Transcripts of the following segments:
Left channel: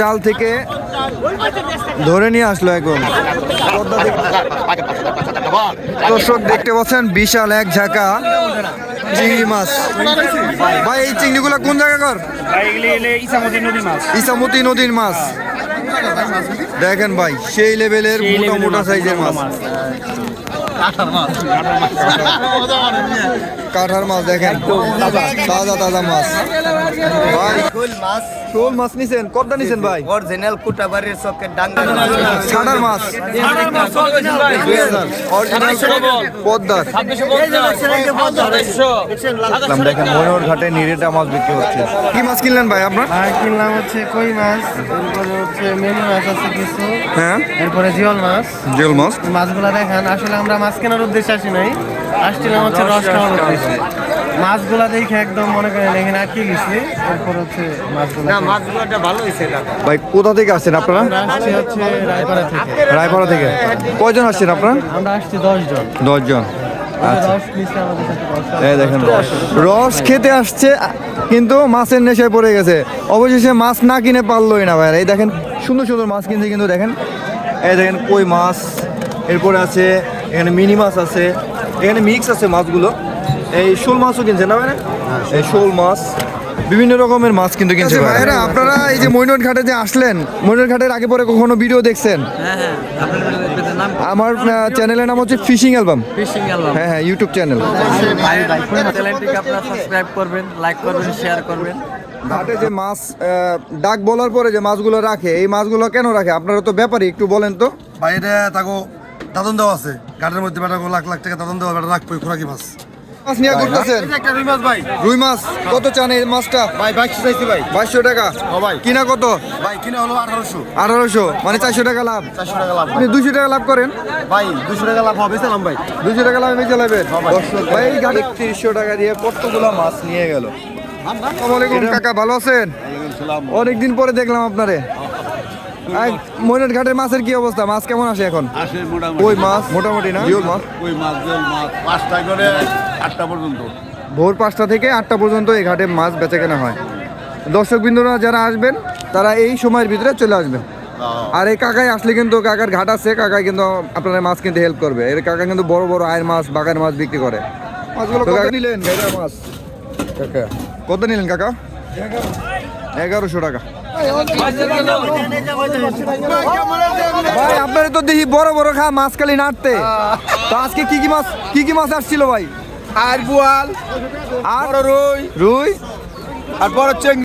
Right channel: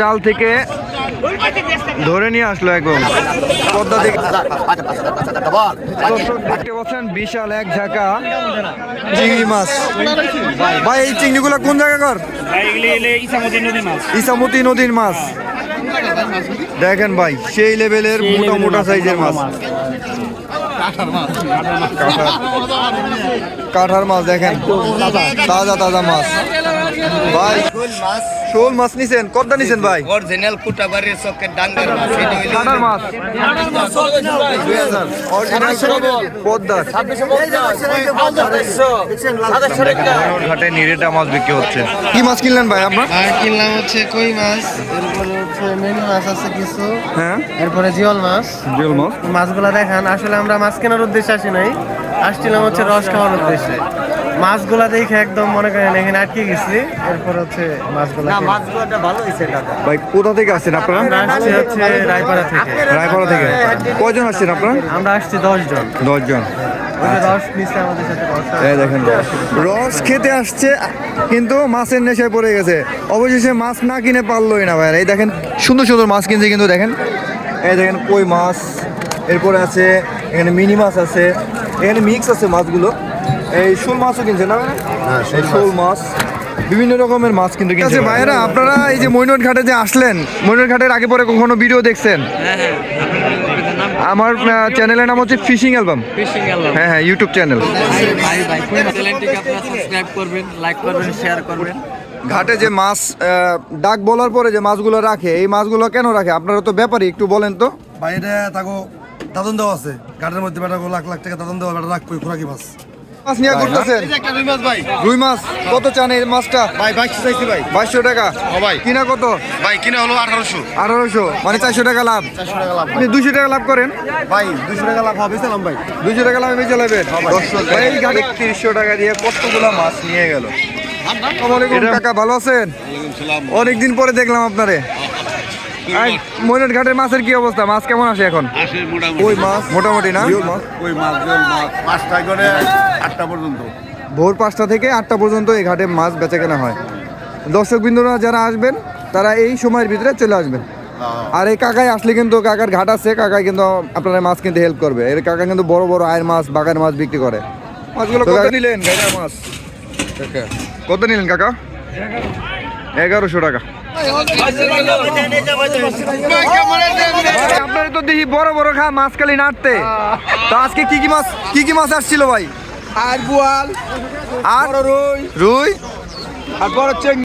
জাল থেকে ধরে নিয়ে আসলো একদম। পদ্মা থেকে। দর্শক দেখতে পাচ্ছেন বিশাল এক ঝাঁকা চিংড়ি মাছ। ভাই এই চিংড়িগুলো কোন জায়গাকার এগুলি এলে ইসামতি নদীর মাছ। ইসামতি নদীর মাছ। দেখেন ভাই সেই লেভেলের মোটা মোটা সাইজের মাছ কাঠার মাছ। দেখেন তাজা তাজা মাছ। ভাই মাছ। শোল মাছ নিছেন নিছেন ভাই? অরিজিনাল কুটাবাড়ির চকের ডাঙ্গার মাছ। ছানার অরিজিনাল পদ্মার। মনোহর ঘাটে নিরেটা মাছ বিক্রি হচ্ছে। কি মাছ কিনলেন ভাই আপনার? আর কিনলাম হচ্ছে কই মাছ? এরপরে হচ্ছে মেনি মাছ আছে কিছু। হ্যাঁ। এরপরে জিওল মাছ। জিওল মাছ। মাছগুলো দেখান আসলে আমরা মাছ কেনার উদ্দেশ্যে আসি নাই। আসছিলাম হচ্ছে রস খাওয়ার উদ্দেশ্যে। মাছগুলা দেখে একদম মনে করেন এখানে আটকে গেছি। এরপর হচ্ছে মাছগুলা ভাই কোথা থেকে আসছেন আপনারা? আমরা আসছি হচ্ছে রায়পাড়া থেকে। রায়পাড়া থেকে। কয়জন আসছেন আপনারা? আমরা আসছি দশ জন দেখেন রস। রস খেতে আসছে কিন্তু মাছের নেশায় পড়ে গেছে। অবশেষে মাছ না কিনে পারলোই না ভাই এই দেখেন সুন্দর সুন্দর মাছ কিনছে কিন্তু দেখেন। এই দেখেন কই মাছ। এরপরে আছে এখানে মিনি মাছ আছে। এখানে মিক্স আছে মাছগুলো। এই শোল মাছও কিনছে না ভাই? এই শোল মাছ বিভিন্ন রকমের মাছ কিন্তু কিনছে ভাইরা আপনারা এই যে মৈনট ঘাটে যে আসলেন মৈনট ঘাটের আগে পরে কখনো ভিডিও দেখছেন? আমার চ্যানেলের নাম হচ্ছে ফিশিং অ্যালবাম হ্যাঁ হ্যাঁ ইউটিউব চ্যানেল ভাই ভাই চ্যানেলটিকে আপনারা সাবস্ক্রাইব করবেন লাইক করবেন শেয়ার করবেন। ঘাটে যে মাছ ডাক বলার পরে যে মাছগুলো রাখে এই মাছগুলো কেন রাখে? আপনারা তো ব্যাপারই একটু বলেন তো। বাইরে তাকে দাদন দেওয়া আছে। ঘাটের মধ্যে বেটা লাখ লাখ টাকা দাদন দেওয়া বেটা রাখব খোরাকি মাছ। মাছ নিয়ে করতেছেন রুই মাছ ভাই। রুই মাছ কত চান এই মাছটা? ভাই বাইশশো চাইছি ভাই। বাইশশো টাকা। ভাই। কিনা কত? ভাই কিনা হলো আঠারোশো। আঠারোশো মানে চারশো টাকা লাভ। চারশো টাকা লাভ। আপনি দুশো টাকা লাভ করেন? ভাই দুশো টাকা লাভ হবে চালাম ভাই। দুশো টাকা লাভ বেঁচে লাভেন ভাই। এই ঘাটে তিরিশশো টাকা দিয়ে কতগুলো মাছ নিয়ে গেল? আসসালামু আলাইকুম কাকা ভালো আছেন? অনেকদিন পরে দেখলাম আপনারে। ময়নাট ঘাটের মাছের কি অবস্থা? মাছ কেমন আসে এখন? ওই মাছ? মোটামুটি না? ওই মাছ? জল মাছ পাঁচটা করে আটটা পর্যন্ত। ভোর পাঁচটা থেকে আটটা পর্যন্ত এই ঘাটে মাছ বেচা কেনা হয়। দর্শক বিন্দুরা যারা আসবেন তারা এই সময়ের ভিতরে চলে আসবেন। আর এই কাকাই আসলে কিন্তু কাকার ঘাট আছে কাকাই কিন্তু আপনারা মাছ কিনতে হেল্প করবে। এর কাকা কিন্তু বড় বড় আয়ের মাছ বাগানের মাছ বিক্রি করে। মাছগুলো কত নিলেন? মাছ। কত নিলেন কাকা? এগারোশো টাকা। আপনার তো দেখি বড় বড় খা মাছ খালি নাড়তে। তো আজকে কি কি মাছ কি কি মাছ আসছিল ভাই? আর বুয়াল আর রুই। রুই? আর বড় চেং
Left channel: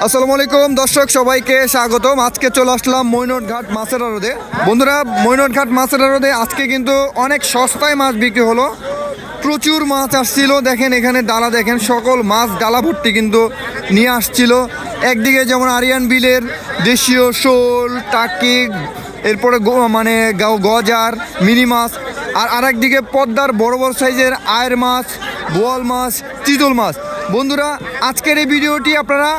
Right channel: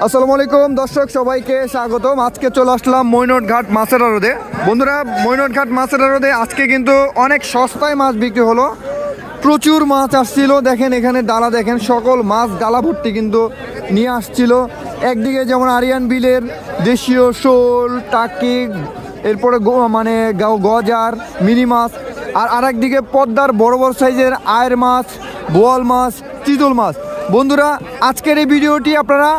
আসসালামু আলাইকুম দর্শক সবাইকে স্বাগতম। আজকে চলে আসলাম মৈনট ঘাট মাছের আড়দে বন্ধুরা মৈনট ঘাট মাছের আড়দে আজকে কিন্তু অনেক সস্তায় মাছ বিক্রি হলো। প্রচুর মাছ আসছিল দেখেন এখানে ডালা দেখেন সকল মাছ ডালা ভর্তি কিন্তু নিয়ে আসছিল। একদিকে যেমন আরিয়ান বিলের দেশীয় শোল টাকি এরপরে গো- মানে গজার মিনি মাছ আর আরেকদিকে পদ্মার বড় বড় সাইজের আয়ের মাছ, বোয়াল মাছ, চিতল মাছ। বন্ধুরা, আজকের এই ভিডিওটি আপনারা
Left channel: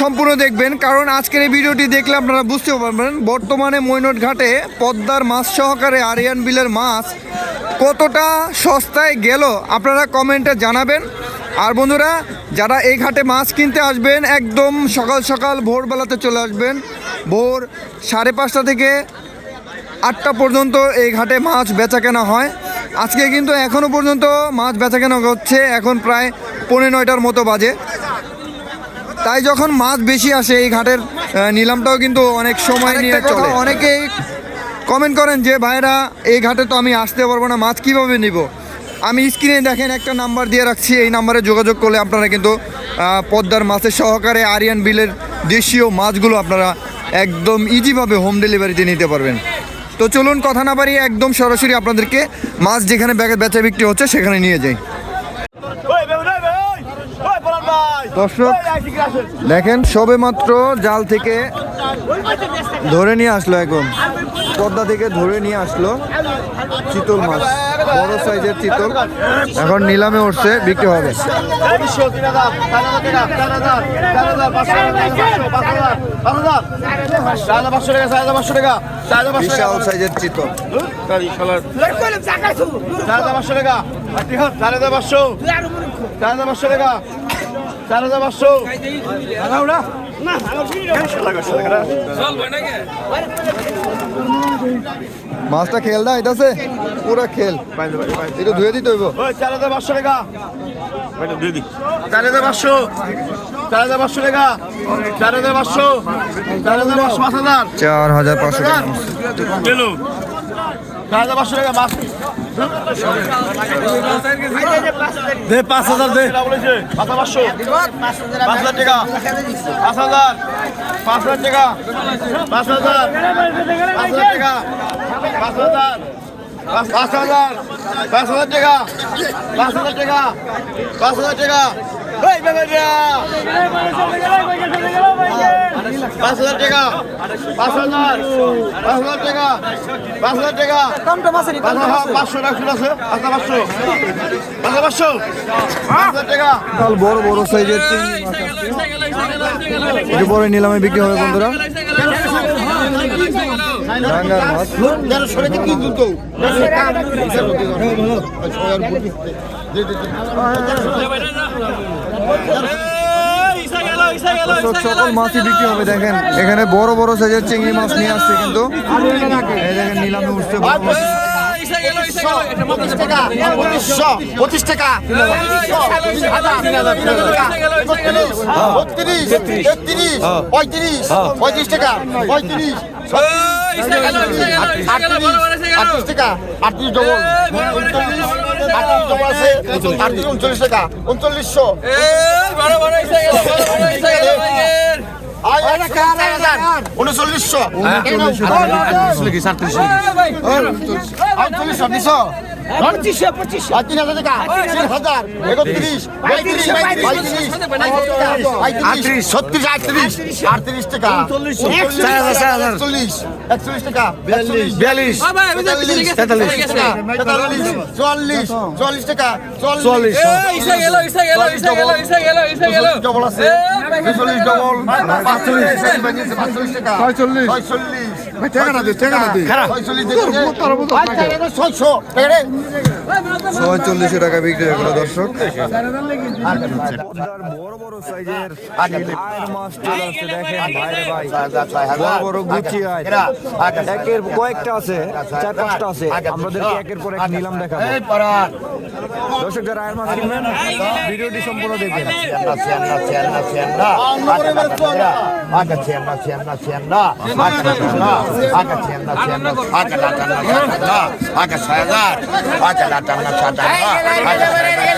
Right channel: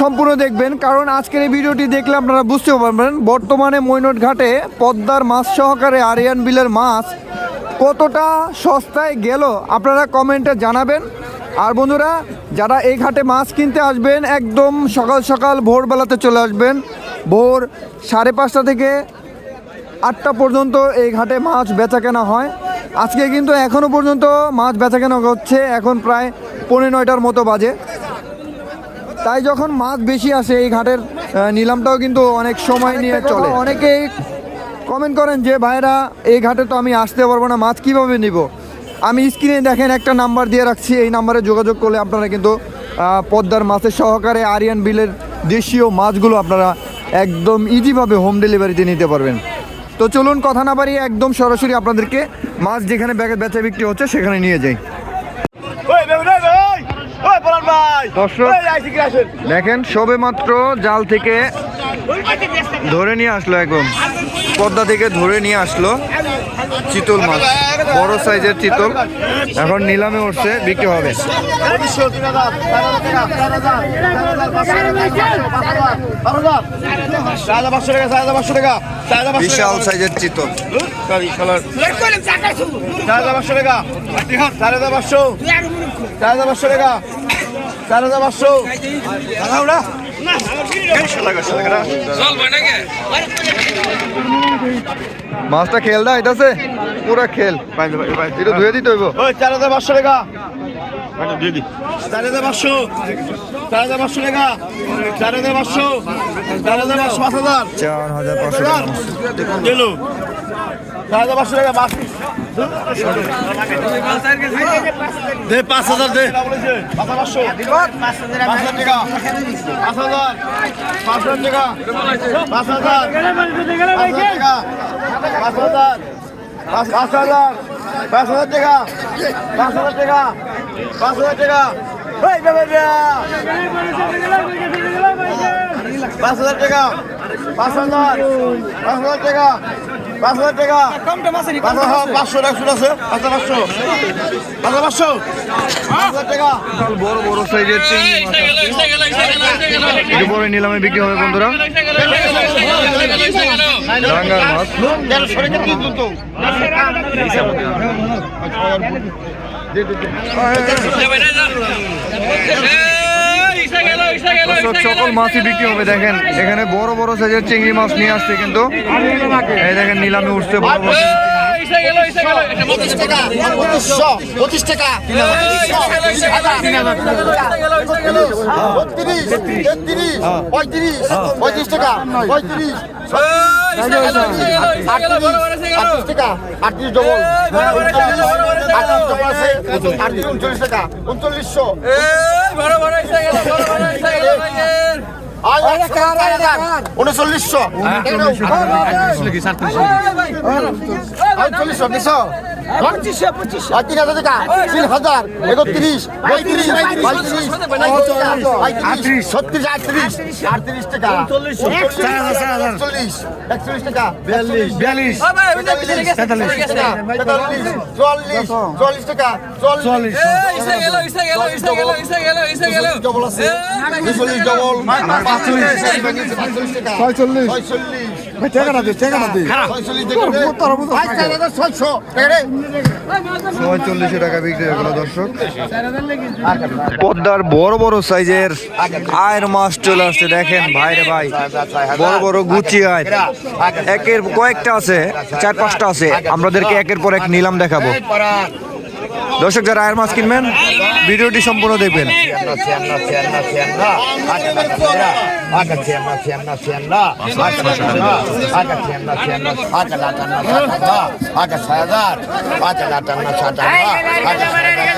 সম্পূর্ণ দেখবেন, কারণ আজকের এই ভিডিওটি দেখলে আপনারা বুঝতে পারবেন বর্তমানে মৈনট ঘাটে পদ্মার মাছ সহকারে আরিয়ান বিলের মাছ কতটা সস্তায় গেল আপনারা কমেন্টে জানাবেন। আর বন্ধুরা, যারা এই ঘাটে মাছ কিনতে আসবেন, একদম সকাল সকাল ভোরবেলাতে চলে আসবেন। ভোর সাড়ে পাঁচটা থেকে আটটা পর্যন্ত এই ঘাটে মাছ বেচা কেনা হয়। আজকে কিন্তু এখনও পর্যন্ত মাছ বেচা কেনা হচ্ছে এখন প্রায় পৌনে নয়টার মতো বাজে। তাই যখন মাছ বেশি আসে এই ঘাটের নিলামটাও কিন্তু অনেক সময় নিয়ে চলে। অনেকেই কমেন্ট করেন যে ভাইরা এই ঘাটে তো আমি আসতে পারব না মাছ কীভাবে নিব? আমি স্ক্রিনে দেখেন একটা নাম্বার দিয়ে রাখছি এই নাম্বারে যোগাযোগ করলে আপনারা কিন্তু পদ্মার মাছের সহকারে আরিয়ান বিলের দেশীয় মাছগুলো আপনারা একদম ইজিভাবে হোম ডেলিভারিতে নিতে পারবেন। তো চলুন কথা না বাড়িয়ে একদম সরাসরি আপনাদেরকে মাছ যেখানে বেচা বিক্রি হচ্ছে সেখানে নিয়ে যাই। দর্শক দেখেন সবে মাত্র জাল থেকে ধরে নিয়ে আসলো একদম। পদ্মা থেকে ধরে নিয়ে আসলো চিতল মাছ বড় সাইজের চিতল। এখন নিলামে উঠছে বিক্রি হবে। বিশাল সাইজের চিতল। মাছটা খেলদা আইতাছে পুরা খেল। এটা ধুয়ে দিতে হইব। চার হাজার পাঁচশো টাকা। চার হাজার পাঁচশো। চার হাজার পাঁচশো টাকা চার হাজার পাঁচশো চার হাজার পাঁচশো পাঁচ হাজার চার হাজার পাঁচশো। পেল চার হাজার পাঁচশো টাকা দে পাঁচ হাজার দে পাঁচ পাঁচশো পাঁচ হাজার টাকা পাঁচ হাজার পাঁচ হাজার টাকা পাঁচ হাজার পাঁচ হাজার টাকা পাঁচ হাজার পাঁচ হাজার পাঁচ হাজার টাকা পাঁচ হাজার টাকা পাঁচ হাজার টাকা পাঁচ হাজার টাকা। পাঁচ হাজার পাঁচ হাজার টাকা। পাঁচ হাজার টাকা। পাঁচশো টাকা শুরু আছে পাঁচ হাজার, পাঁচশো। পাঁচ হাজার, পাঁচশো। পাঁচ হাজার টাকা। বড় বড় সাইজের চিংড়ি পরে নিলামে বিক্রি হবে, বন্ধুরা। ডাঙ্গার মাছ সকল মাছই বিক্রি হবে দেখেন। এখানে বড় বড় সাইজের চিংড়ি মাছ নিয়ে আসছে কিন্তু। এই দেখেন নিলামে উঠছে বড় বড়। পঁচিশ টাকা পঁচিশ টাকা বত্রিশ পঁয়ত্রিশ পঁয়ত্রিশ টাকা পঁয়ত্রিশ। আটত্রিশ টাকা আটত্রিশ ডবল আটত্রিশ ডবল আছে আটত্রিশ উনচল্লিশ টাকা উনচল্লিশশো উনচল্লিশশো উনচল্লিশশো দুশো তিন হাজার টাকা তিন হাজার একত্রিশ পঁয়ত্রিশ পঁয়ত্রিশ পঁয়ত্রিশ ছত্রিশ আটত্রিশ আটত্রিশ টাকা একচল্লিশ একচল্লিশ টাকা বিয়াল্লিশ বিয়াল্লিশ তেতাল্লিশ টাকা তেতাল্লিশ চুয়াল্লিশ চুয়াল্লিশ টাকা চুয়াল্লিশ ডবল আছে দুচল্লিশ ডবল পাঁচচল্লিশ পাঁচচল্লিশ ছয়চল্লিশশো টাকা বিক্রি হয়ে গেল দর্শক। পদ্মার বড় বড় সাইজের আয়ের মাছ চলে আসছে দেখেন ভাইরে ভাই। বড় বড় গুচি আয়। একের কয়েকটা আছে চার পাঁচটা আছে। আমাদেরকে একের পর এক নিলাম দেখাবো। দর্শক যারা আয়ের মাছ কিনবেন ভিডিওটি সম্পূর্ণ দেখবেন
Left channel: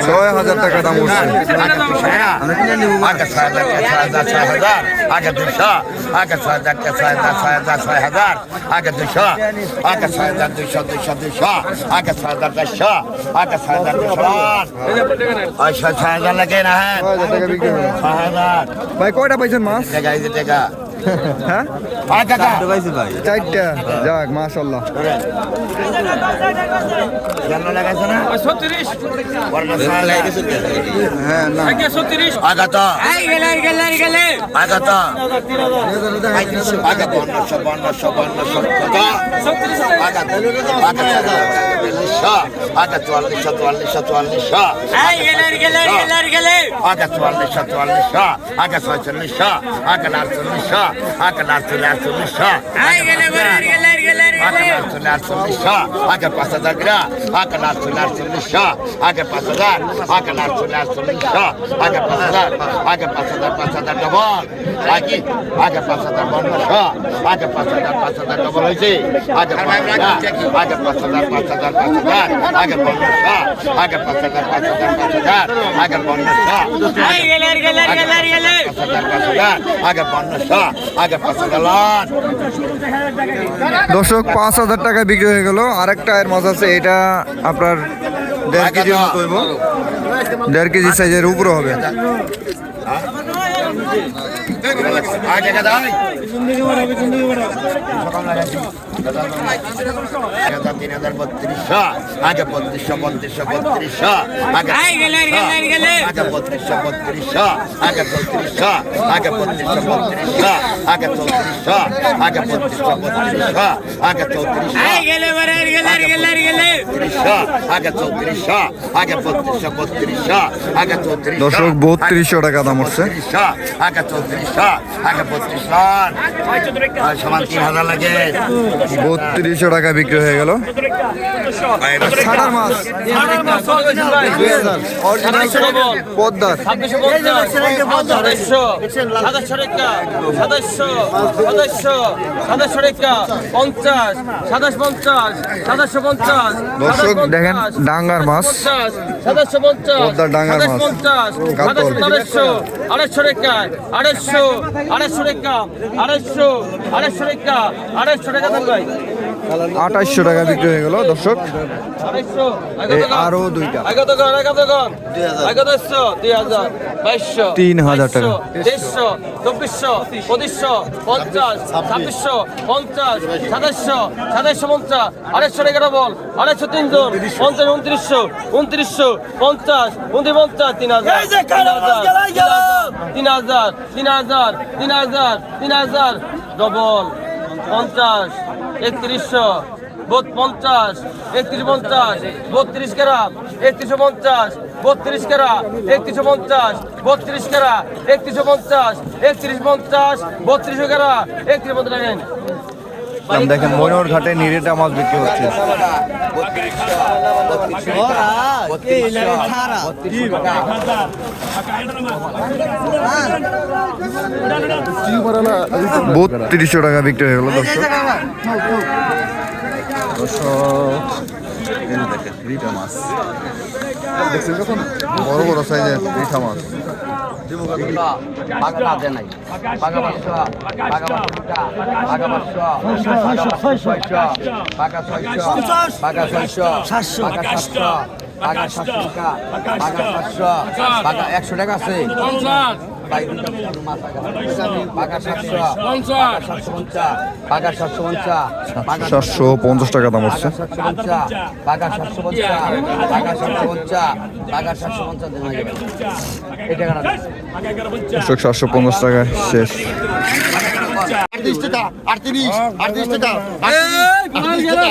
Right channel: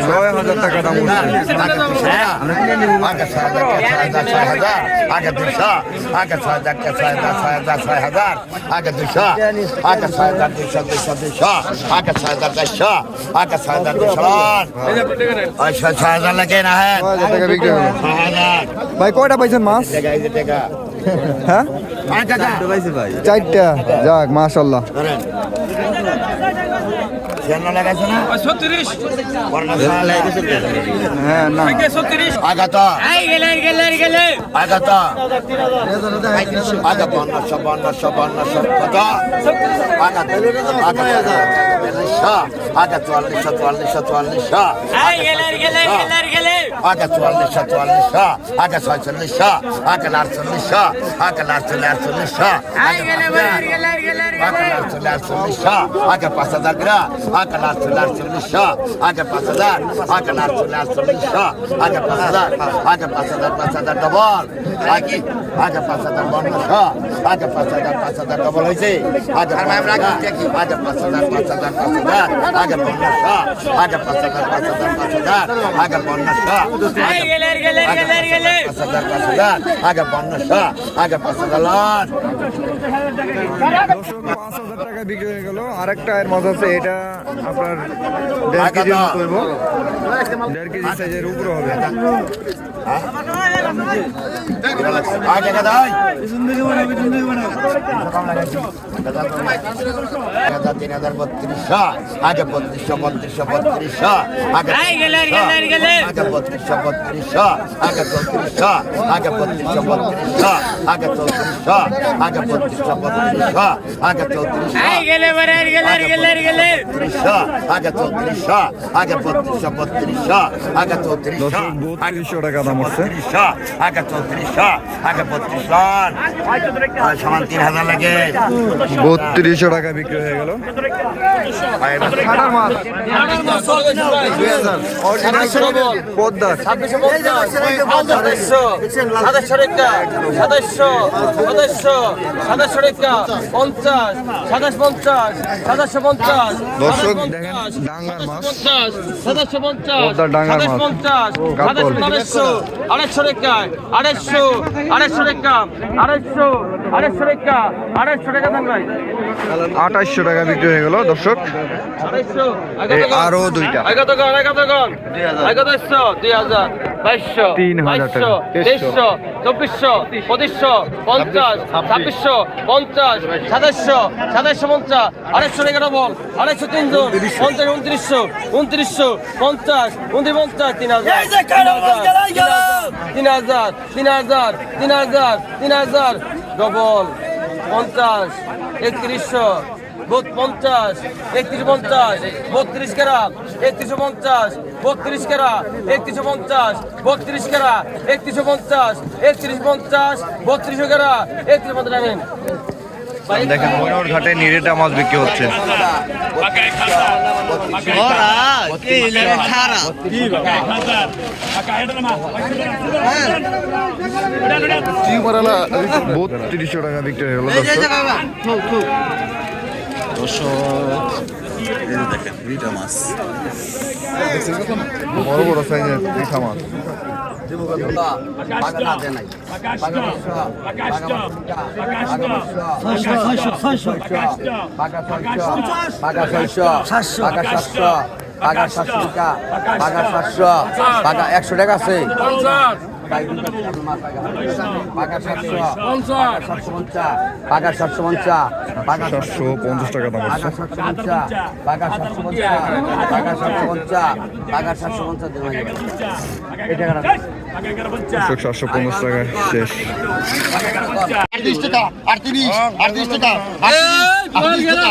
ছয় হাজার টাকা দাম উঠছে আগে দুশো আগে ছয় হাজার ছয় হাজার ছয় হাজার ছয় হাজার আগে দুশো আগে ছয় হাজার দুশো দুশো দুশো আগে ছয় হাজার চারশো আগে ছয় হাজার দুশো ছয় হাজার লাগে না হ্যাঁ ছয় হাজার টাকা বিক্রি ছয় হাজার ভাই কয়টা পাইছেন মাছ টাকা হ্যাঁ চারটা যাক মাশাল্লাহ হ্যাঁ না আগত আগত পনেরোশো পনেরোশো কত আগে আগে চল্লিশশো আগে চুয়াল্লিশশো আগে চুয়াল্লিশশো চুয়াল্লিশশো আগে ছয়চল্লিশশো আগে আটচল্লিশশো আগে আটচল্লিশ আগে আটচল্লিশ আগে পাঁচ হাজার গ্রা আগে আটচল্লিশ আটচল্লিশশো আগে পাঁচ হাজার আগে আটচল্লিশ আটচল্লিশশো আগে পাঁচ হাজার আগে পাঁচ হাজার পাঁচ হাজার ডবল আগে আগে পাঁচ হাজার পনেরোশো আগে পাঁচ হাজার পাঁচ হাজার ডবল হয়েছে আগে আগে পাঁচ হাজার পাঁচ হাজার পাঁচ হাজার আগে পনেরোশো আগে পাঁচ হাজার পাঁচ হাজার পাঁচ হাজার আগে পনেরোশো পাঁচ হাজার পাঁচ হাজার আগে পনেরোশো আগে পাঁচ হাজার দর্শক পাঁচ হাজার টাকা বিক্রি হয়ে গেল। আরেকটা এর মাছ আছে, এটা আপনার দেড় কেজির মতো দেড় কেজি সাইজের উপরে হবে। দর্শক বত্রিশশো টাকা দাম হচ্ছে আগে চৌত্রিশশো আগে বত্রিশশো সমান তিন হাজার লাগে। বত্রিশশো টাকা বিক্রি হয়ে গেল। ছাড়ার মাছ অরিজিনাল পদ্মার। পঞ্চাশ। সাতাশ পঞ্চাশ। সাতাশশো পঞ্চাশ। দর্শক দেখেন ডাঙ্গার মাছ পঞ্চাশ। পদ্মার ডাঙ্গার মাছ। কাতল। আড়াইশো। আড়াইশো রেখা আড়াইশো আড়াইশো রেখা আড়াইশো আড়াইশো রেখা আড়াইশো দেন ভাই। আঠাশশো টাকা বিক্রি হয়ে গেল দর্শক। আরও দুইটা। তিন হাজার টাকা। তেইশশো চব্বিশশো পঁচিশশো পঞ্চাশ ছাব্বিশশো পঞ্চাশ সাতাশশো সাতাশশো পঞ্চাশ আড়াইশো এগারো বল আড়াইশো তিনজন পঞ্চাশ উনত্রিশশো উনত্রিশশো পঞ্চাশ উনত্রিশ পঞ্চাশ তিন হাজার তিন হাজার তিন হাজার তিন হাজার তিন হাজার ডবল পঞ্চাশ, একত্রিশশো পঞ্চাশ একত্রিশ পঞ্চাশ, বত্রিশ কেরা একত্রিশশো পঞ্চাশ, বত্রিশ কেরা একত্রিশশো পঞ্চাশ, বত্রিশ কেরা একত্রিশশো পঞ্চাশ, একত্রিশ পঞ্চাশ, বত্রিশশো কেরা একত্রিশ পঞ্চাশ দেখেন ময়ূর ঘাটে নিরেটা মাছ বিক্রি হচ্ছে। বত্রিশশো টাকা বিক্রি হয়ে গেল দর্শক। বড় বড় সাইজের পিঠা মাছ। বাগা না দেয় নাই বাগা পাঁচশো বাগা পাঁচশো ছয়শো। ছয়শো সাতশো। সাতশো টাকা সাতশো একশো টাকা আছে। পঞ্চাশ সাতশো পঞ্চাশ টাকা দাম হচ্ছে। সাতশো পঞ্চাশ বাগা সাতশো পঞ্চাশ বাগা সাতশো পঞ্চাশ বাগা সাতশো পঞ্চাশ দেওয়া যাবে এই টাকাটা দর্শক সাতশো পঞ্চাশ টাকা শেষ। আটত্রিশ টাকা আটত্রিশ আটত্রিশ টাকা আটত্রিশ টাকা।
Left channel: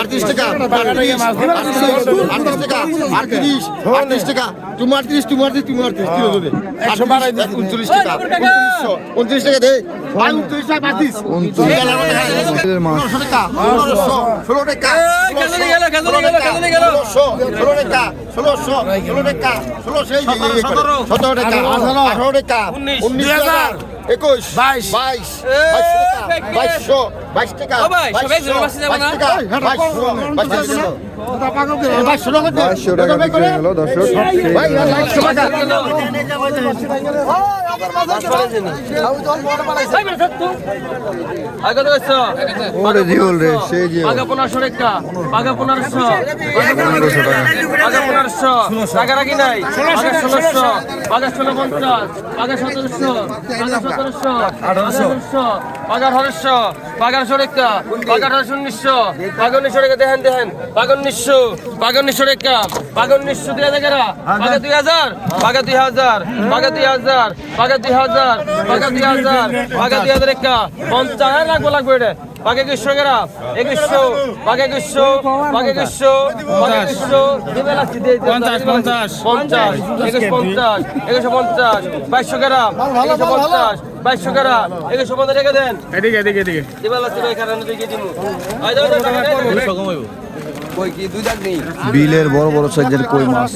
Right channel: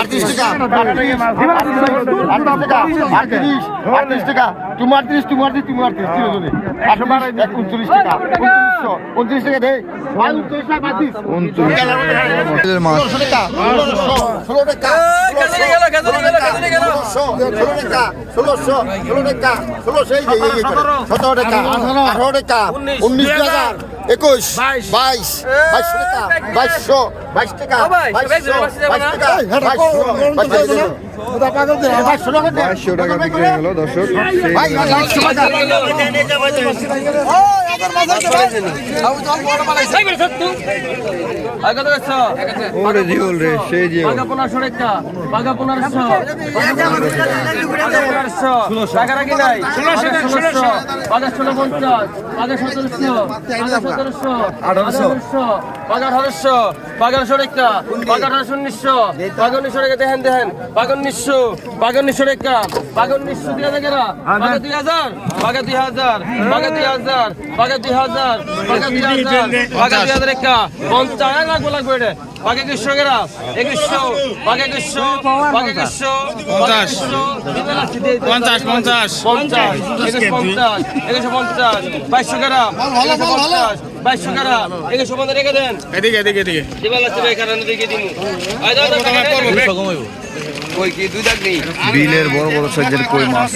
আটত্রিশ টাকা আটত্রিশ টাকা আটত্রিশ আটত্রিশ টাকা। আটত্রিশ কিলো ধরে উনচল্লিশ টাকা। উনত্রিশ টাকা দে। উনত্রিশ টাকা ষোলো টাকা। ষোলো টাকা ষোলো টাকা একুশ বাইশ বাইশ বাইশশো টাকা বাইশ টাকা বাইশশো বাইশ টাকা বাইশশো বাইশ টাকা বাইশশো টাকা বিক্রি গেল দর্শক। ওরে জিওল রে সেই জিওল বাঘা আঠারোশো বাঘা আঠারোশো রেখা আঠারোশো উনিশশো বাঘা উনিশশো রেখা দেখেন দেখেন বাঘা উনিশশো বাঘা উনিশশো রেখা বাঘা উনিশশো কেরা বাঘা দুই হাজার বাঘা দুই হাজার বাঘা দুই হাজার বাঘা দুই হাজার বাঘা দুই হাজার বাঘা দুই হাজার রেখা পঞ্চাশ লাগবে লাগবে এটা। বাঘা একুশশো কেরা একুশশো বাঘা একুশশো বাঘা একুশশো বাঘা একুশশো পঞ্চাশ পঞ্চাশ। পঞ্চাশ একুশ পঞ্চাশ একুশশো পঞ্চাশ বাইশশো কেরা একুশশো পঞ্চাশ বাইশশো কেরা একুশো পঞ্চাশ রেখে দেন। এদিকে এদিকে এদিকে। দিবার লাগছে ভাই কারণ দিকে দিমু। বিলের বড় বড় সাইজের কই মাছ?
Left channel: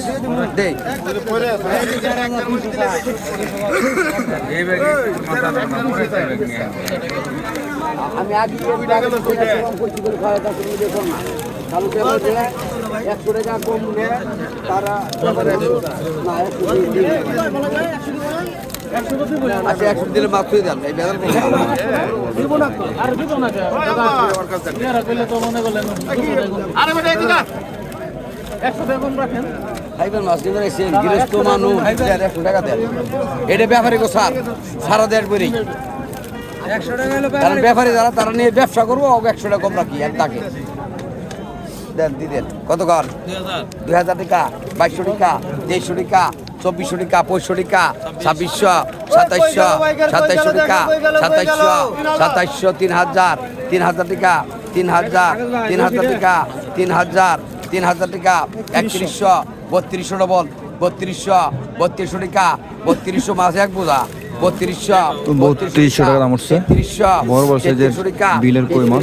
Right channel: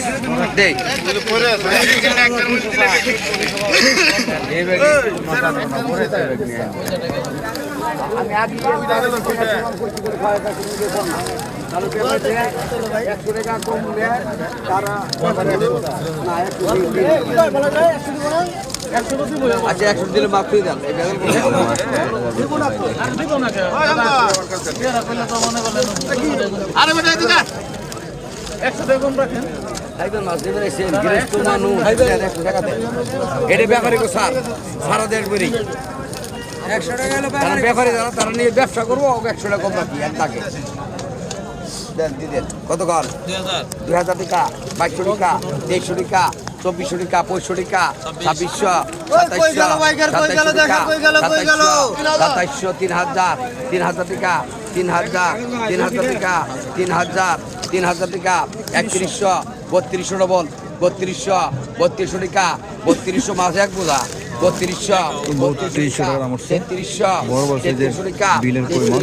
একশো টাকা কম নেয় তারা না একশো আচ্ছা একশো দিলে মাফ করে দেন একশো দেখুন রাখেন এটা ব্যাপারী গো স্যার সারা দেড় করি কারণ ব্যাপারী যারা তারা নিয়ে ব্যবসা করব একশো টাকা কম রাখি আর তাকে কত কর দুই হাজার টাকা বাইশশো টাকা তেইশশো টাকা চব্বিশশো টাকা পঁয়ষট্টি টাকা ছাব্বিশশো সাতাইশশো সাতাইশশো টাকা সাতাইশশো সাতাইশশো তিন হাজার তিন হাজার টাকা তিন হাজার তিন হাজার টাকা তিন হাজার তিন হাজার টাকা একত্রিশশো বত্রিশশো ডবল বত্রিশশো বত্রিশশো টাকা বত্রিশশো মাস এক বোঝা বত্রিশশো বত্রিশশো টাকা দাম উঠছে। তেত্রিশশো বড় বড় সাইজের বিলের কই মাছ।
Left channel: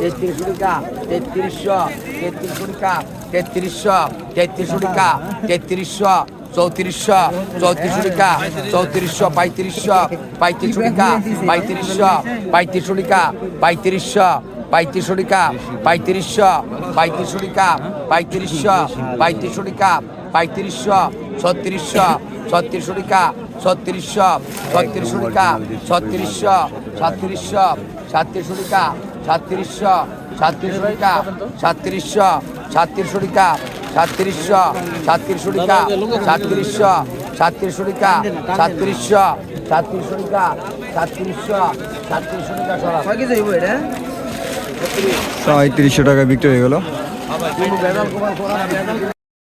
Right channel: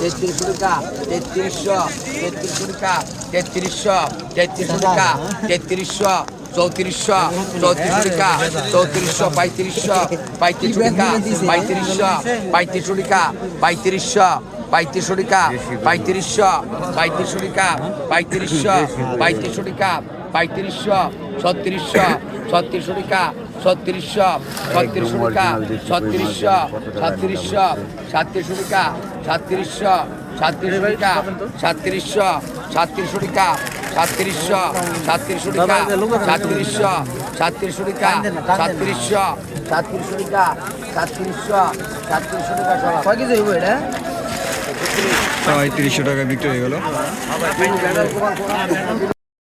তেত্রিশশো টাকা তেত্রিশশো তেত্রিশশো টাকা তেত্রিশশো তেত্রিশশো টাকা তেত্রিশশো চৌত্রিশশো চৌত্রিশশো টাকা, চৌত্রিশশো, পঁয়ত্রিশশো পঁয়ত্রিশশো টাকা, পঁয়ত্রিশশো পঁয়ত্রিশশো টাকা, পঁয়ত্রিশশো পঁয়ত্রিশশো টাকা, পঁয়ত্রিশশো পঁয়ত্রিশশো টাকা, পঁয়ত্রিশশো পঁয়ত্রিশশো টাকা, পঁয়ত্রিশশো, ছত্রিশশো ছত্রিশশো টাকা, ছত্রিশশো ছত্রিশশো টাকা, ছত্রিশশো সাতত্রিশশো সাতত্রিশশো টাকা সাতত্রিশশো সাতত্রিশশো টাকা সাতত্রিশশো সাতত্রিশশো টাকা সাতত্রিশশো সাতত্রিশশো টাকা, সাতত্রিশশো সাতত্রিশশো টাকা, সাতত্রিশশো সাতত্রিশশো টাকা, সাতত্রিশশো সাতত্রিশশো টাকা পঁয়ত্রিশশো টাকা বিক্রি হয়ে গেল।